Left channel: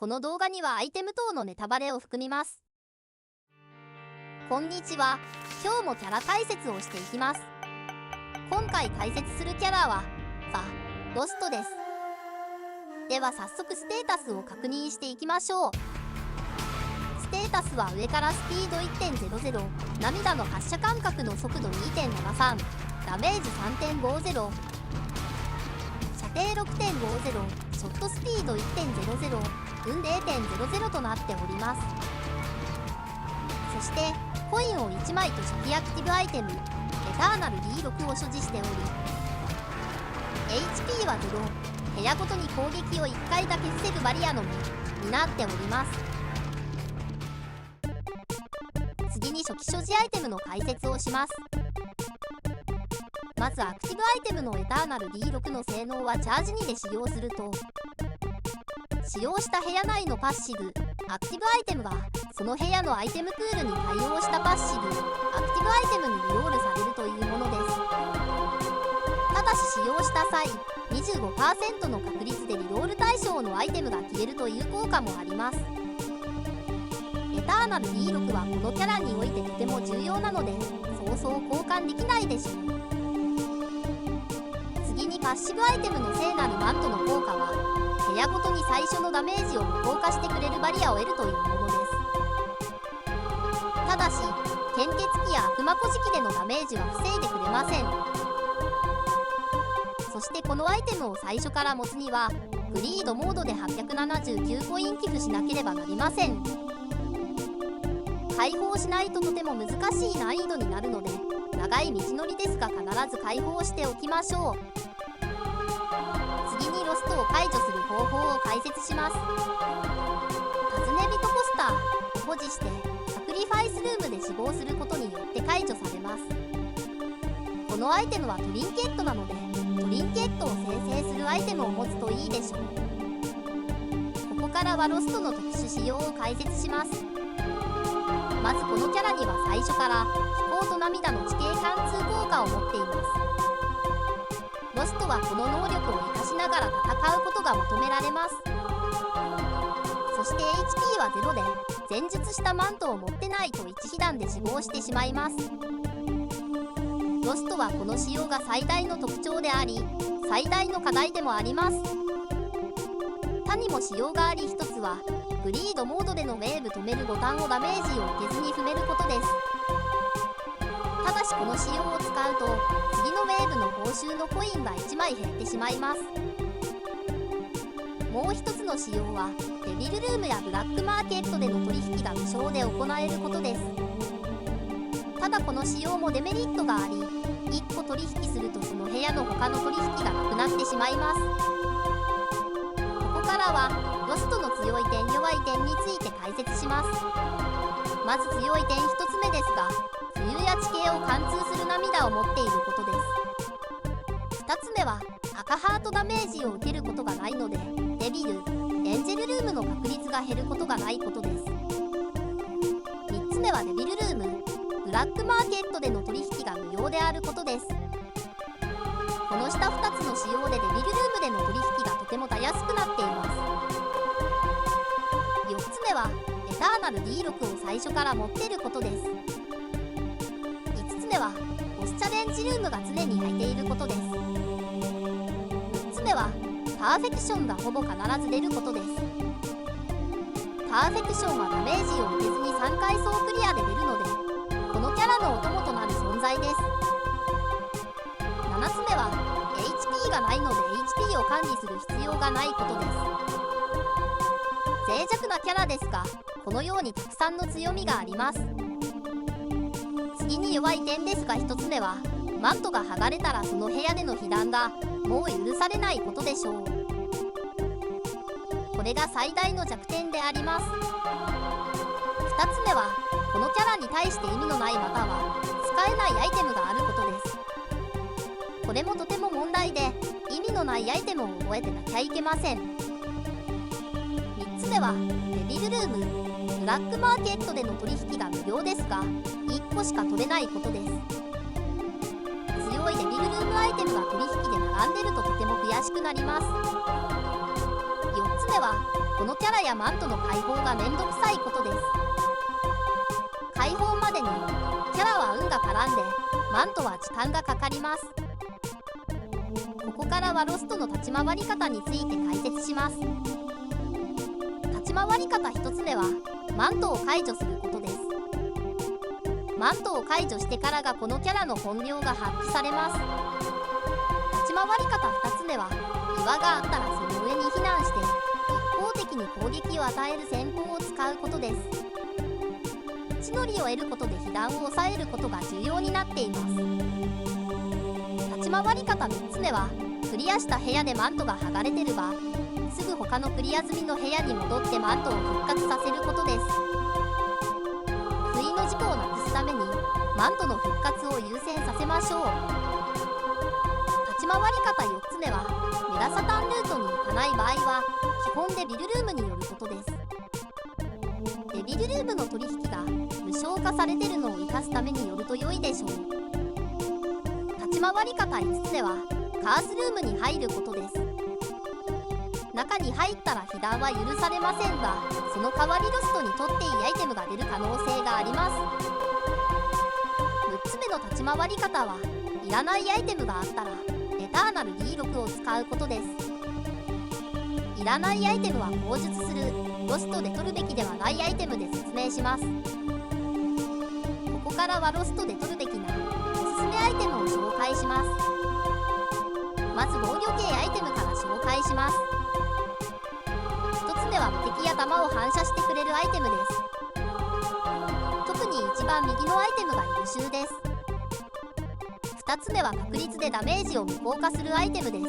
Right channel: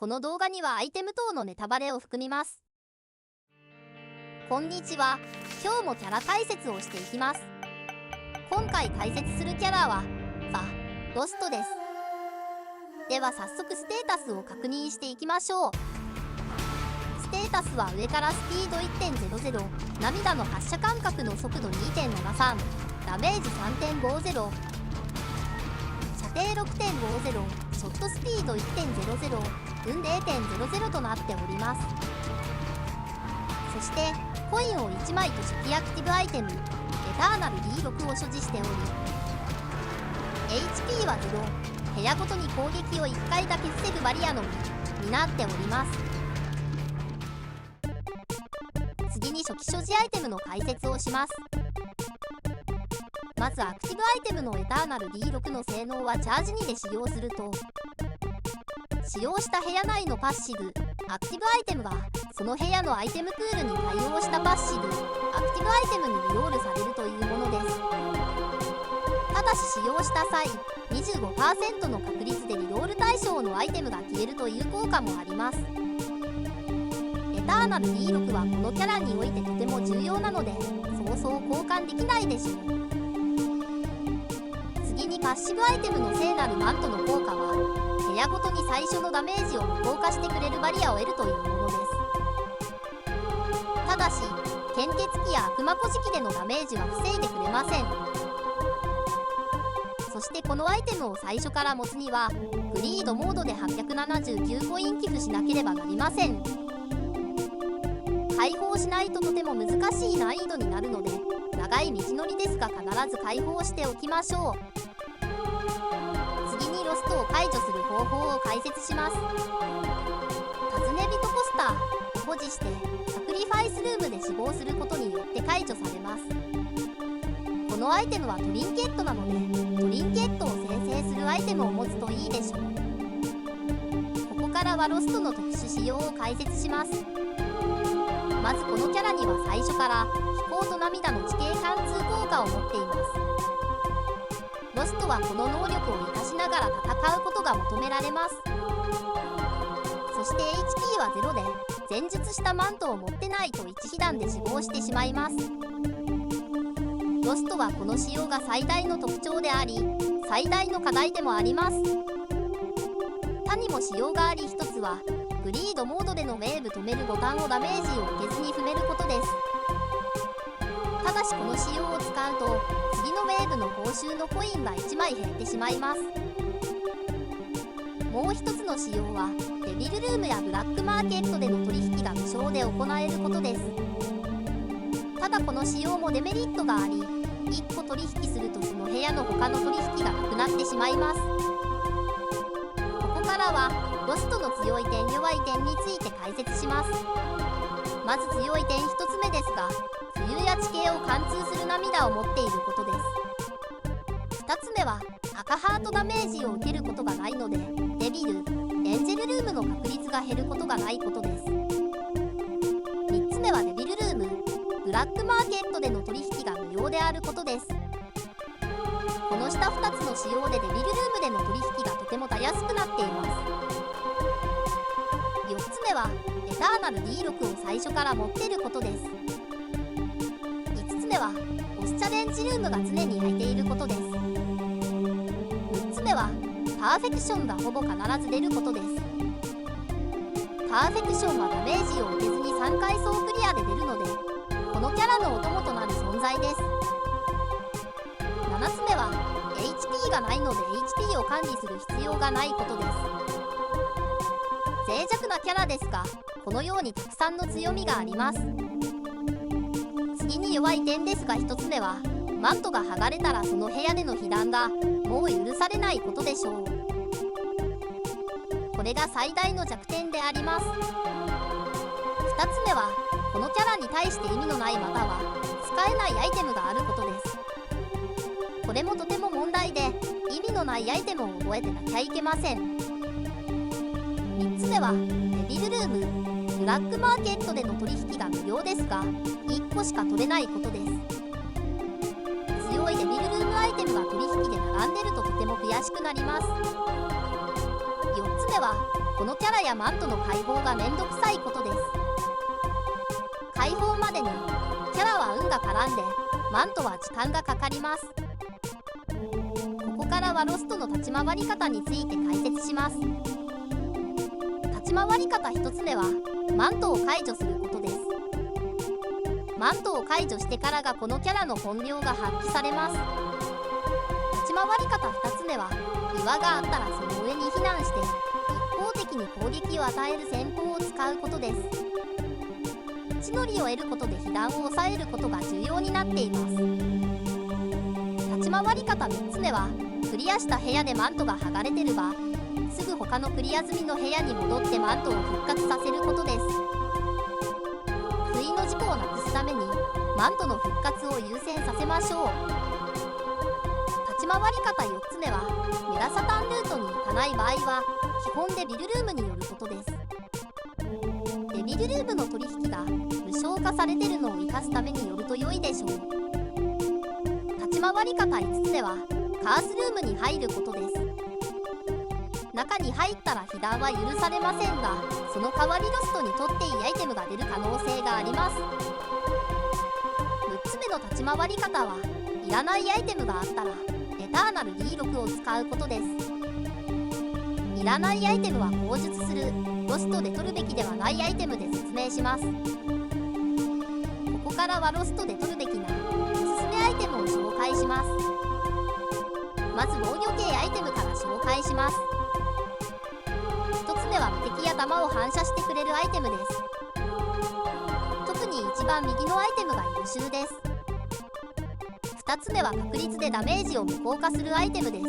この動画にはアイテム等のネタバレを含みます。こんにちは。今日もキャラ解説をしていきます。今回解説するキャラはロストです。では早速ステータスを確認していきましょう。ステータスは上からスピード 1.00、涙の発射間隔の速度 2.73、ダメージ 3.50、射程 6.50、ショットスピード 1.00、運 0.00 となっております。そしてコインを1枚と初期アクティブアイテムエターナル D6 を所持しており HP は0、部屋ごとに攻撃を1回だけ防ぐバリアのみになっております。次に初期所持アイテムの解説をします。まずアクティブアイテムのエターナル D6 の性能はチャージ2で使用すると、使用した部屋内のパッシブアクティブアイテムがその部屋のアイテムプールに対応したパッシブアクティブアイテムにリロールされるというものです。ただし使用した際 25% の確率でリロール対象のアイテムが消えるという効果もあります。エターナル D6 はこのキャラにおいてとても重要なのでそうそう交換できないでしょう。次にパッシブアイテムの聖なるマントの効果は部屋ごとに最初のダメージを無効化してくれるバリアを得るというものです。ただし献血鬼や悪魔小敷でのダメージは防いでくれません。そしてこのアイテムを最初から持つにはグリードモードで879コイン寄付しなければなりません。解放しないととても難しい難易度になるので長い道のりですが必ず解放しておきましょう。次にロストを解除する方法を解説します。尋ね人ポスターを保持してサクリファイスルームで死亡することによって解除されます。このアイテムはトリンケットなのでトリンケットを生成するアイテムを持つといいでしょう。ここからはロストの特殊仕様を解説します。まずこのキャラには最初から飛行と涙の地形貫通効果を持っています。ロストはこの能力を生かしながら戦うことが求められます。そして HP は0で前述したマントを持ってないと一被弾で死亡してしまいます。ロストはこの仕様が最大の特徴であり最大の課題でもあります。他にも仕様があり一つはグリードモードでのウェーブ止めるボタンをダメージを受けずに踏めることです。ただしこの仕様を使うと次のウェーブの報酬のコインが1枚減ってしまいます。もう一つの仕様はデビルルームやブラックマーケットでの取引が無償で行えることです。ただこの仕様もデメリットがあり1個取引するとその部屋の他の取引がなくなってしまいます。ここからはロストの強い点弱い点について解説します。まず強い点1つ目ですが浮遊や地形を貫通する涙を持っていることです。2つ目は赤ハートダメージを受けることがないのでデビル、エンジェルルームの確率が減ることがないことです。3つ目はデビルルーム、ブラックマーケットでの取引が無料であることです。この下2つの仕様でデビルルームでの取引がとてもたやすくなっています。4つ目はエターナル D6 を最初から持っていることです。5つ目はボスチャレンジルームが常に空いていることです。6つ目はパーフェクションがほぼ必ず出ることです。パーフェクションはダメージを受けずに3回総クリアで出るのでこのキャラのお供となる存在です。7つ目は HP がないので HP を管理する必要がないことです。脆弱なキャラですがこのようにたくさんの強みがあります。次に弱い点ですが1つ目はマントが剥がれたらその部屋での被弾がもう許されないことでしょう。これが最大の弱点であります。2つ目はこのキャラに対して意味のないまたは使えないアイテムがあることです。これもとても問題で意味のないアイテムを覚えてなきゃいけません。3つ目はデビルルーム、ブラックマーケットでの取引が無料ですが1個しか取れないことです。強いデビルルームアイテムが取引で並んでるととても悔しくなります。4つ目はこのキャラやマントの解放がめんどくさいことです。解放までにキャラは運が絡んでマントは時間がかかります。ここからはロストの立ち回り方について解説します。立ち回り方1つ目はマントを解除することです。マントを解除してからがこのキャラの本領が発揮されます。立ち回り方2つ目は岩があったらその上に避難して一方的に攻撃を与える戦法を使うことです。地の利を得ることで被弾を抑えることが重要になっています。立ち回り方3つ目はクリアした部屋でマントが剥がれてればすぐ他のクリア済みの部屋に戻ってマントを復活させることです。不意の事故をなくすためにマントの復活を優先させましょう。立ち回り方4つ目はメラサタンルートに行かない場合は基本デビルルームによることです。デビルルームの取引が無償化されてるのを生かすためによると良いでしょう。立ち回り方5つ目はカースルームに入ることです。中に入ったら被弾は許されませんがその代わりロストにとっていいアイテムが出る可能性があります。6つ目の立ち回り方はいらないアイテムがあったらエターナル D6 を使うことです。いらないアイテムは口述するロストで取るべきではないアイテムで説明します。ここからはロストで取るべきなおすすめアイテムを紹介します。まず防御系アイテムから紹介します。1つ目は無敵や弾を反射してくれるアイテムです。特に一番右のアイテムが優秀です。2つ目は確率でダメージを無効化するアイテムです。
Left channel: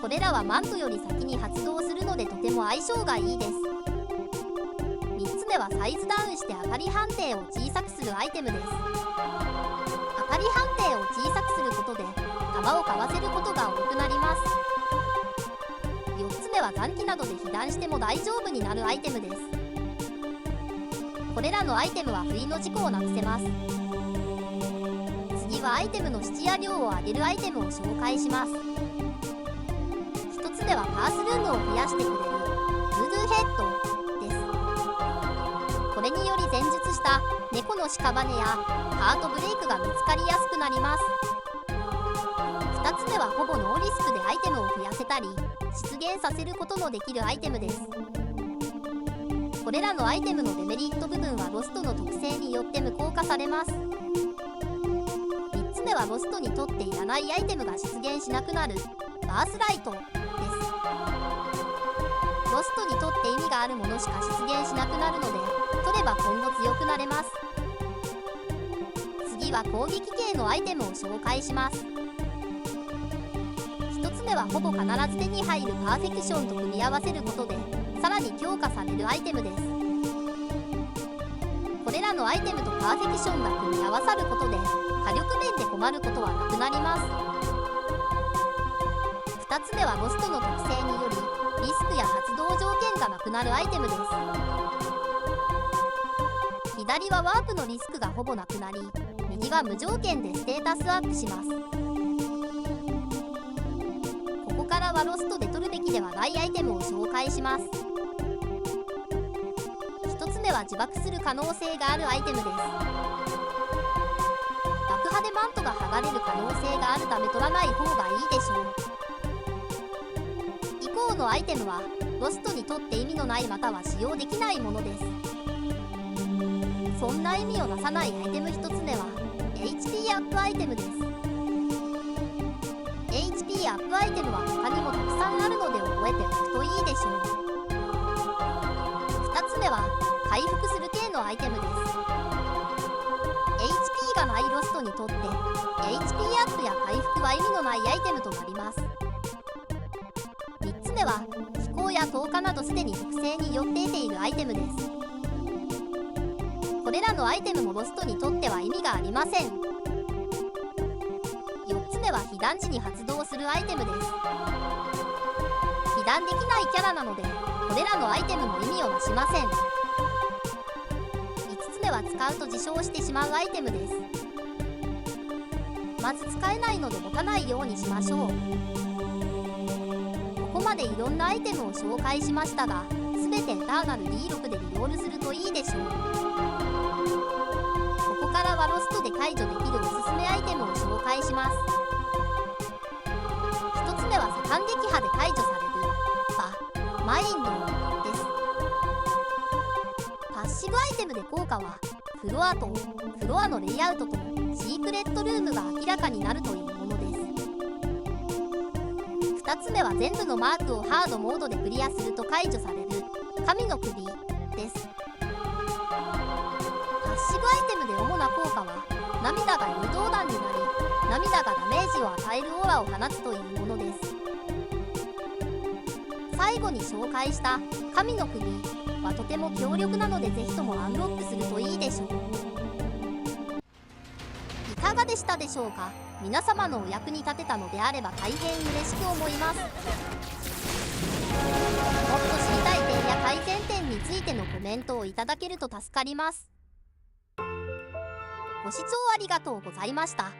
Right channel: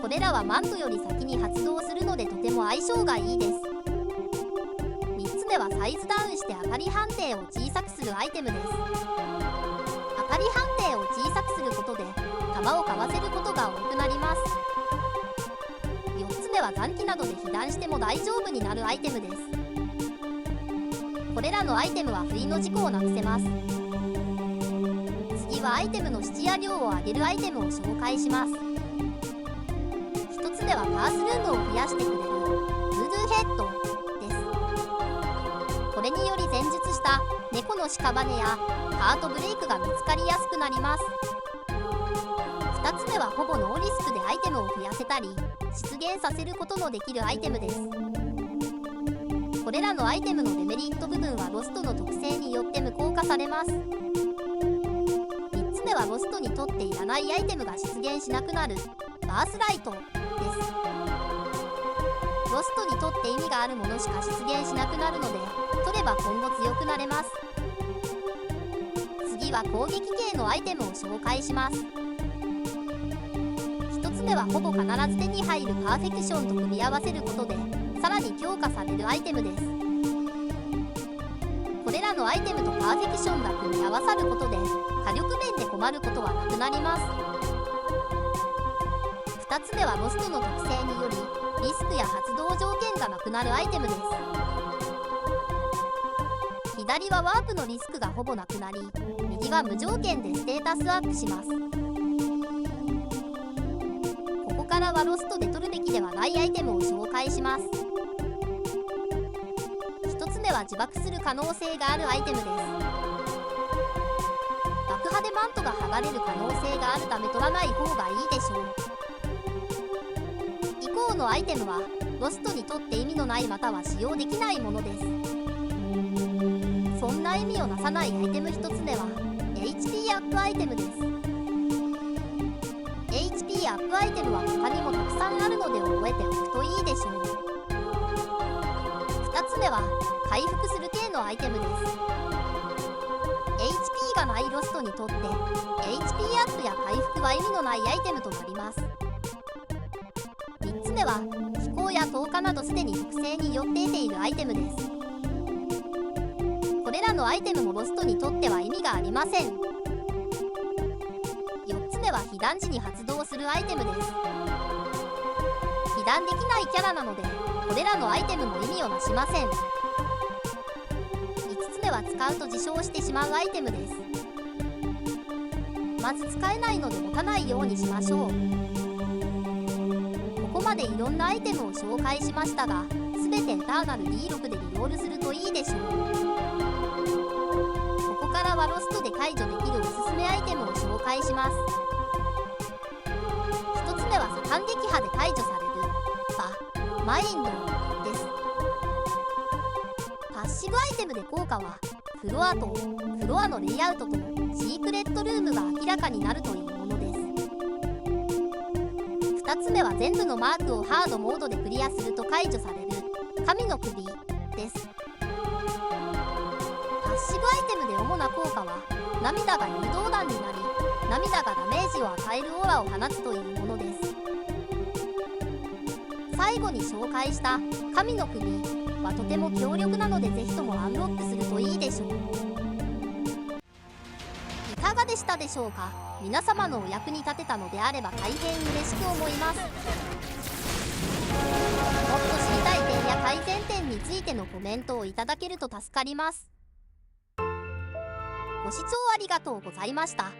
これらはマントより先に発動するのでとても相性がいいです。3つ目はサイズダウンして当たり判定を小さくするアイテムです。当たり判定を小さくすることで弾をかわせることが多くなります。4つ目は残機などで被弾しても大丈夫になるアイテムです。これらのアイテムは不意の事故をなくせます。次はアイテムの質や量を上げるアイテムを紹介します。1つ目はカースルームを増やしてくれるブードゥーヘッドです。これにより前述した猫の屍やハートブレイクが見つかりやすくなります。2つ目はほぼノーリスクでアイテムを増やせたり出現させることのできるアイテムです。これらのアイテムのデメリット部分はロストの特性によって無効化されます。3つ目はロストにとっていらないアイテムが出現しなくなるバースライトです。ロストにとって意味があるものしか出現しなくなるので取れば今後強くなれます。次は攻撃系のアイテムを紹介します。1つ目はほぼ必ず手に入るパーフェクションと組み合わせることでさらに強化されるアイテムです。これらのアイテムとパーフェクションが組み合わさることで火力面で困ることはなくなります。2つ目はロストの特性によりリスクや発動条件がなくなるアイテムです。左はワープのリスクがほぼなくなり右は無条件でステータスアップします。ここからはロストで取るべきではないアイテムを紹介します。1つ目は自爆する可能性があるアイテムです。爆破でマントが剥がれる可能性があるため取らない方がいいでしょう。以降のアイテムはロストにとって意味のないまたは使用できないものです。そんな意味をなさないアイテム1つ目は HP アップアイテムです。HP アップアイテムは他にもたくさんあるので覚えておくといいでしょう。2つ目は回復する系のアイテムです。HP がないロストにとって HP アップや回復は意味のないアイテムとなります。3つ目は飛行や投下などすでに特性によって得ているアイテムです。これらのアイテムもロストにとっては意味がありません。4つ目は被弾時に発動するアイテムです。被弾できないキャラなのでこれらのアイテムも意味をなしません。5つ目は使うと自傷してしまうアイテムです。まず使えないので持たないようにしましょう。ここまでいろんなアイテムを紹介しましたが、全てエターナル D6 でリロールするといいでしょう。ここからはロストで解除できるおすすめアイテムを紹介します。1つ目は左官撃破で解除されるマインドです。パッシブアイテムで効果はフロアのレイアウトとシークレットルームが明らかになるというものです。2つ目は全部のマークをハードモードでクリアすると解除される神の首です。パッシブアイテムで主な効果は涙が誘導弾になり、涙がダメージを与えるオーラを放つというものです。最後に紹介した神の首はとても強力なので、ぜひともアンロックするといいでしょう。いかがでしたでしょうか。皆様のお役に立てたのであれば大変嬉しく思います。もっと知りたい点や改善点についてのコメントをいただけると助かります。ご視聴ありがとうございました。